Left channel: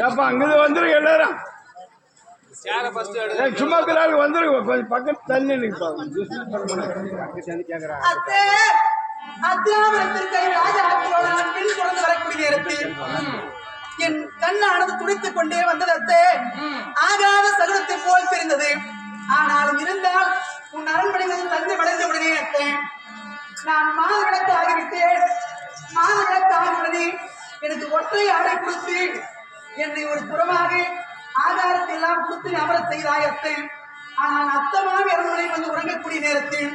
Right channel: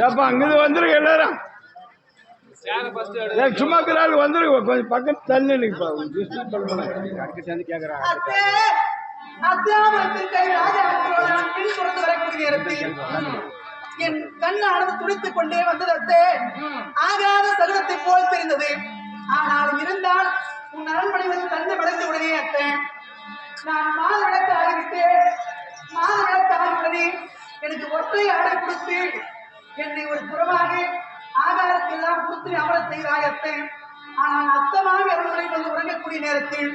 ஏப்பா அங்கிருந்து வந்துருங்க எல்லாரும். சும்மா இருக்கிறாள் கொஞ்சம் பக்கத்து தள்ளி நிற்பா கேட்கறேன் அத்தே, அத்தியாவரத்திற்கை ராஜாக்களோடு நான் பின் தொடர்ந்து வரக்கூடிய நேரத்தில் என் கண்ணானது துடித்துக் கொண்டே வந்தது அத்தே. ஆகாத சகுனத்தை போல் தெரிந்தது. ஆனாலும் இருந்தால் உன் அரண்மனை வந்து தந்தை வளைந்த உடனே அத்தே. நான் மாத விளக்கு ஆகிவிட்டேன். மாத விளக்கு ஆகியுடனே எனக்கு ஒற்றை ஆடை கொடுத்து என்னை ஒரு புறமாக ஆகாரத்தெல்லாம் கொடுத்து நீ அமரச் செய்தாய் அத்தை. ஆனால் அத்தமாக அரண்மனை வந்து உறங்கக்கூடிய நேரத்தில்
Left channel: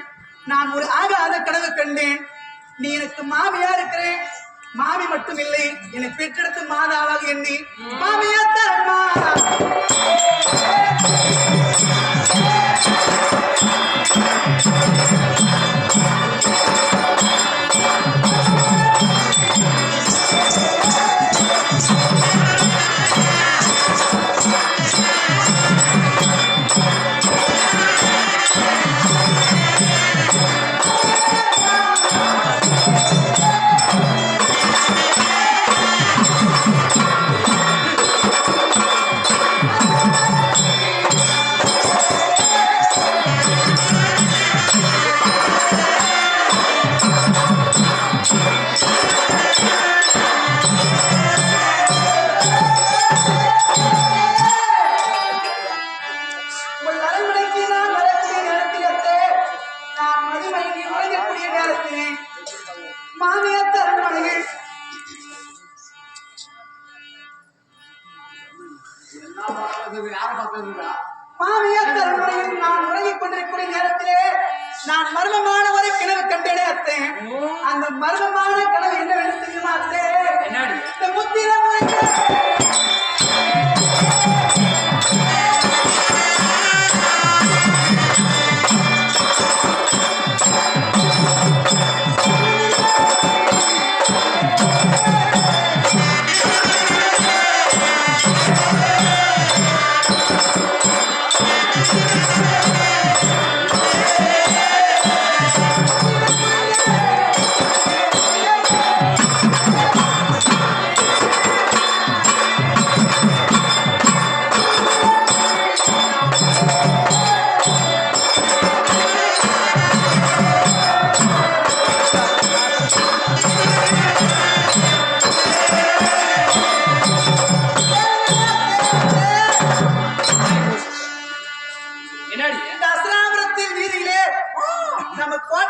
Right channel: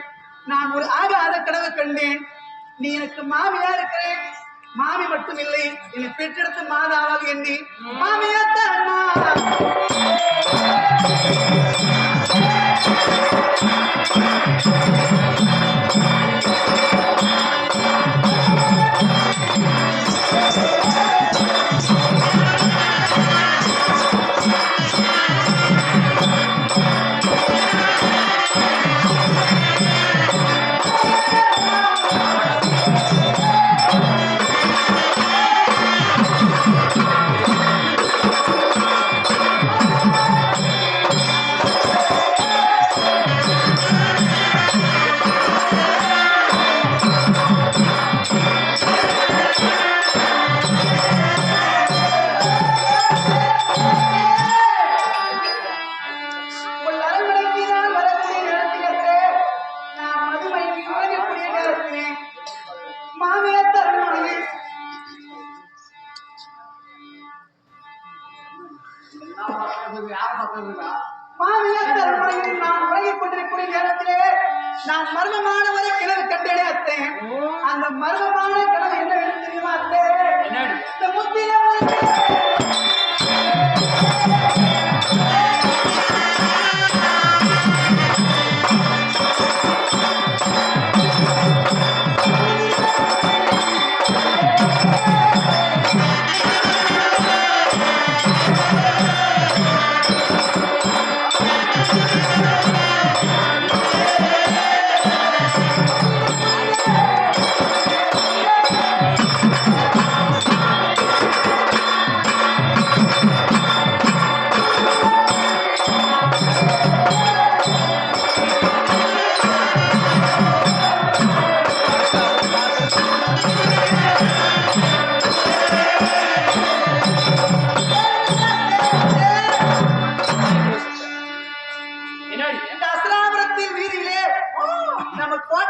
நான் ஒரு ஆகாத கனவு கண்டேன். நீ எனக்கு மாமியா இருக்கிறேன். மாமி மட்டும் இல்லை என்னை பெற்றெடுத்து மாதாவால் எண்ணி மாமியா தரமா நான் மர்மமான ஒரு கிணவு கண்டேனே அத்தே. அந்த மர்மமான கனவு என்னவென்று தெரியுமா அத்தே? இந்த முத்திர முறைக்கு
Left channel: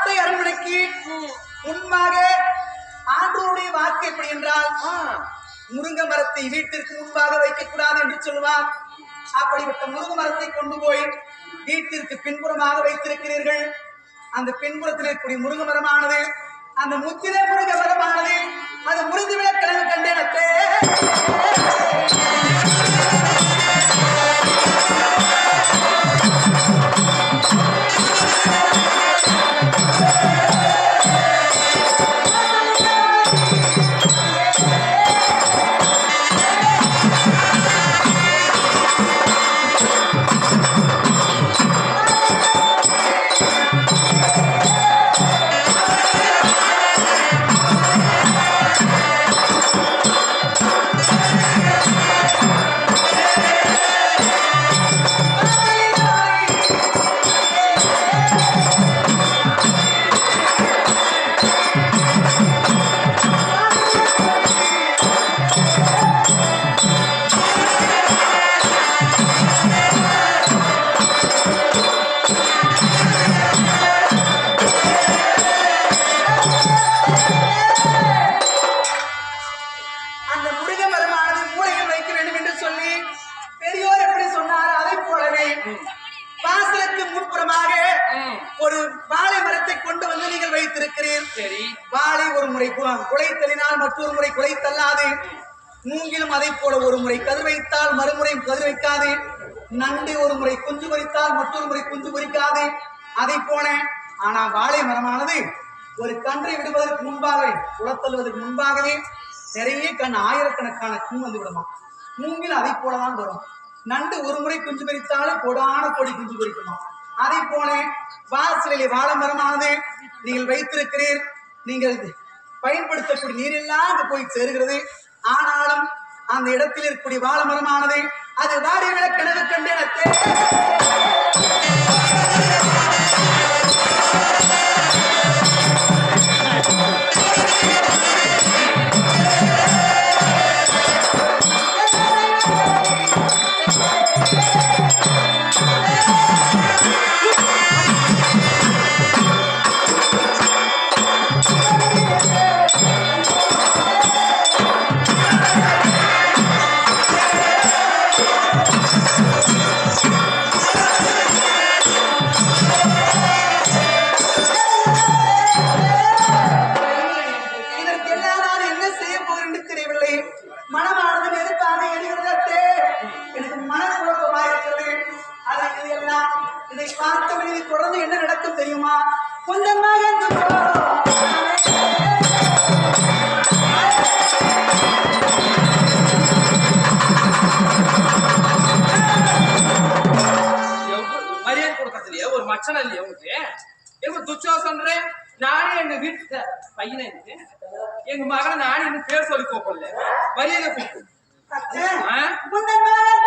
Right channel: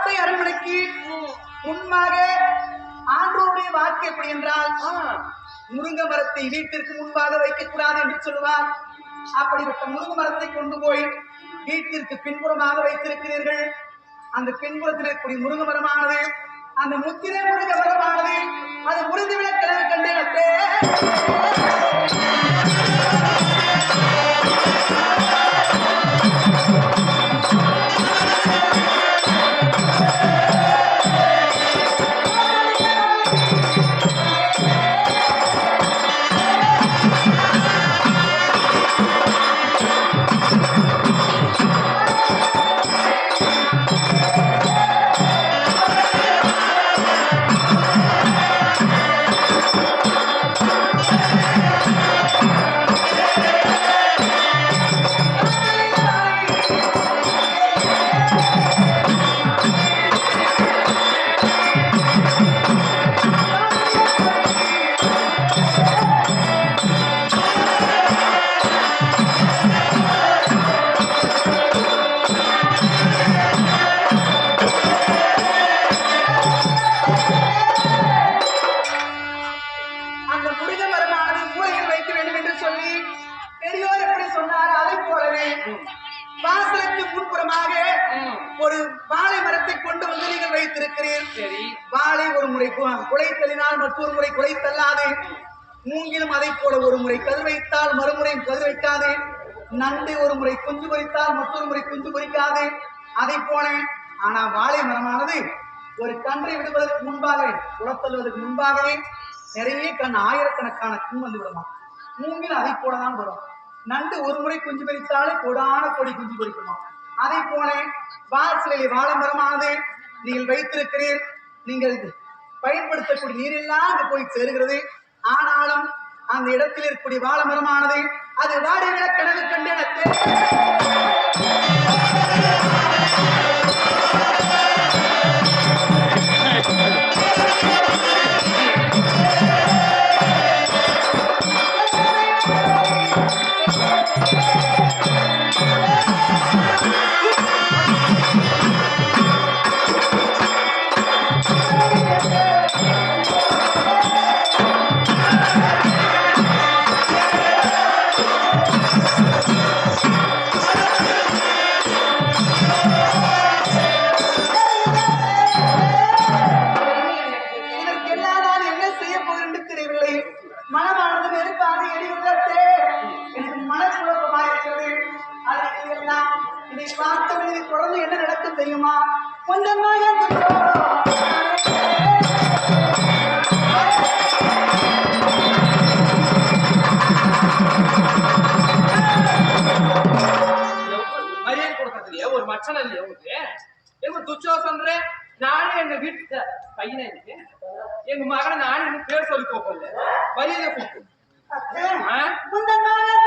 கோட்டை அரண்மனைக்கு முன்பாக ஆண்டோருடைய வாக்கு எப்படி என்றால் முருங்கை மரத்தை வீட்டிற்கு முன்பாக வைக்கக்கூடாது என்று சொல்லுவார். அப்படிப்பட்ட முருங்கை மரத்தை கொண்டு போய் வீட்டிற்கு பின்புறமாக வைத்திருக்கிறீர்கள். அந்த பின்புறத்தில் இருக்கக்கூடிய முருங்கை மரமானது அந்த முத்திரை முருங்கை மரமானது அது முறிந்துவிட கிழங்கு கண்டேன் வைத்திருக்கிறேன் குலைத்தலினால் மற்றொரு முறை குலைத்தல்லாது. மூங்கிலும் அதை போல ஒரு முறை கதிர் வைத்தால் மறுமுறையும் கதிர் வைக்காது நண்டு ஒரு முறை குஞ்சு பொறித்தால் மற்றொரு முறை குஞ்சு பொறிக்காது. அதை போல ஆனா வாழை மரமானது ஒரு கன்றை விடுவதற்கு முன்பாகவே குளத்தள்ளுவதற்கு முன்பாகவே நிறைய கண் ஆயிரக்கணக்கான கண் வந்து விடுமா? மூங்கில் அதை போலதான் வரும். நண்டு ஒரு முறை குஞ்சு பறித்தாலும் கொடான கொடி குஞ்சு பறிக்குமா? அதை போல வாசலிலே வாழை மரமானது நீங்கள் வைத்திருக்கிறீர். நீங்கள் பயன்படுத்தக்கூடிய நீரெல்லாம் அங்கு போய் சேருகிறது. ஆனாலும் அந்த இடத்தில் இருக்கக்கூடிய வாழ மரமானது அது வாடி விட கனவு கண்டு எனக்கு ಲಕ್ಷಣ ಇಲ್ಲಿ ಅವ್ರಿಗೆ ಏನೋ ದುಶ್ಶೋಸನ್ರೆ நானே எங்க வீட்டு பையனை இருக்கு எங்க மகனை நானே இன்னும் பேர் சொல்லி கூப்பிடல. மரியாதை கூப்பிடு. முந்தன் மகன்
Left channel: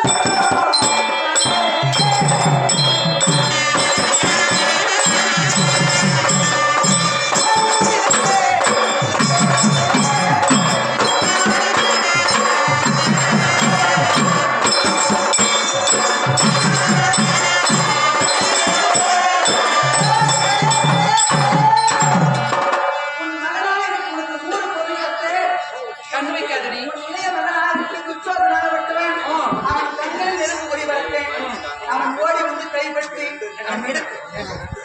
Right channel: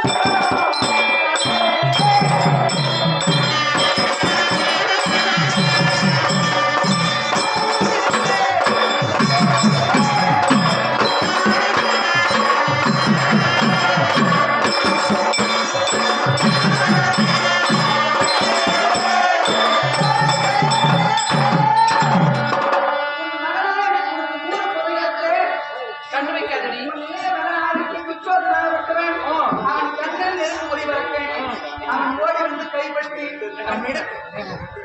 también.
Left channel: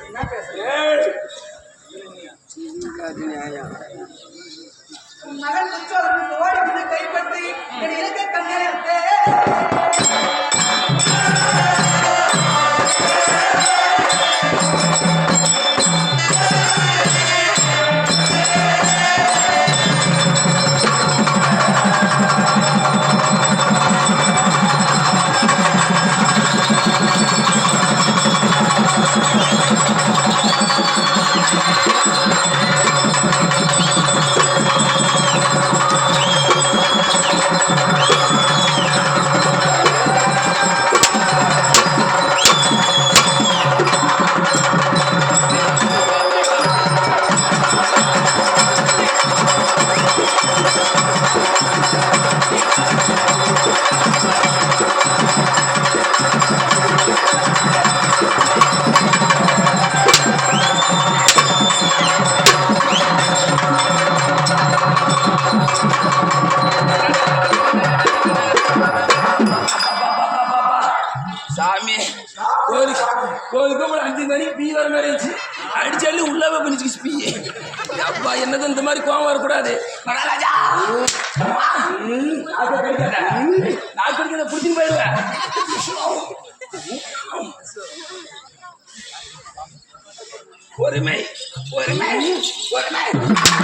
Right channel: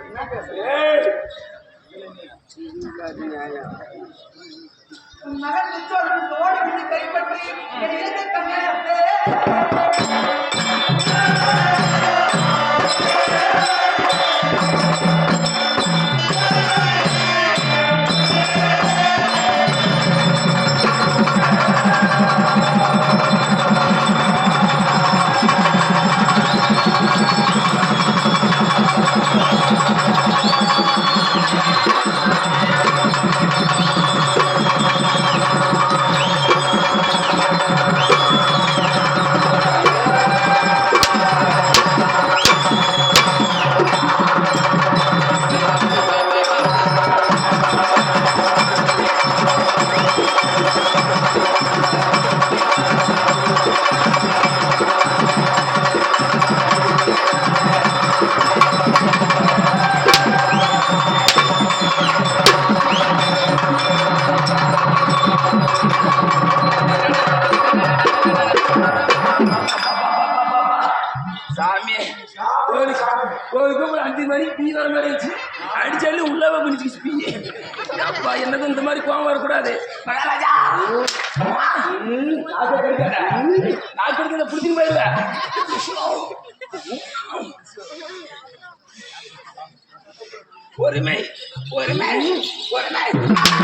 What a mate. What a mate. What a mate.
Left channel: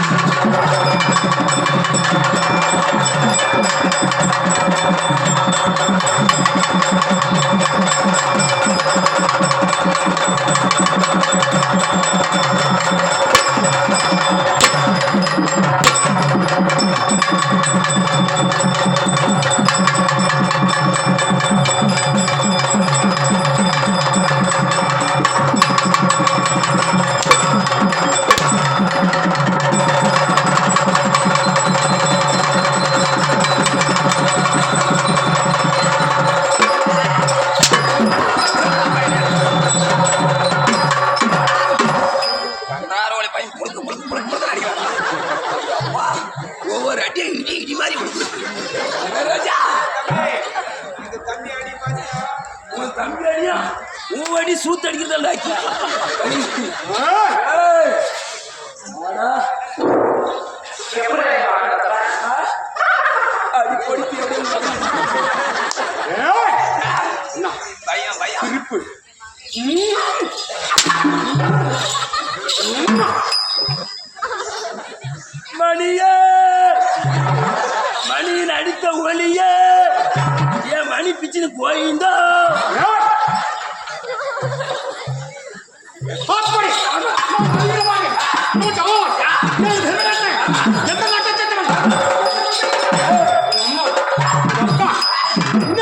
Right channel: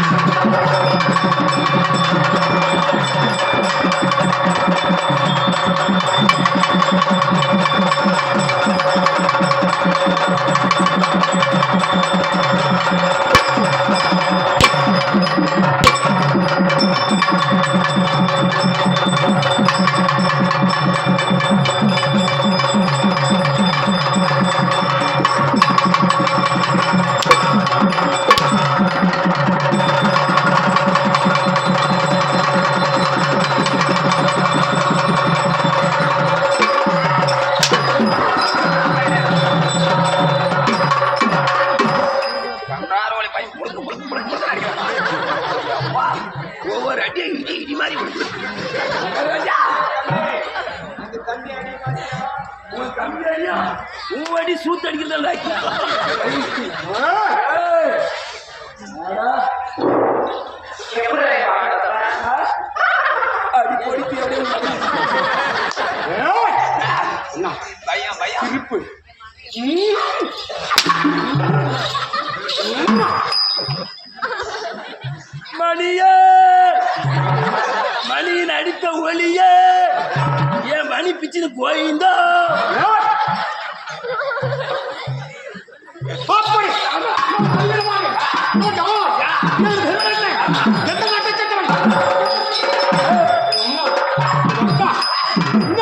ஒரு அடி இடி இடி மாதிரி ராஜா உன் தம்பி உன் அடி சூத்து அடிக்கிறதா திருப்பு அப்பா என்ன?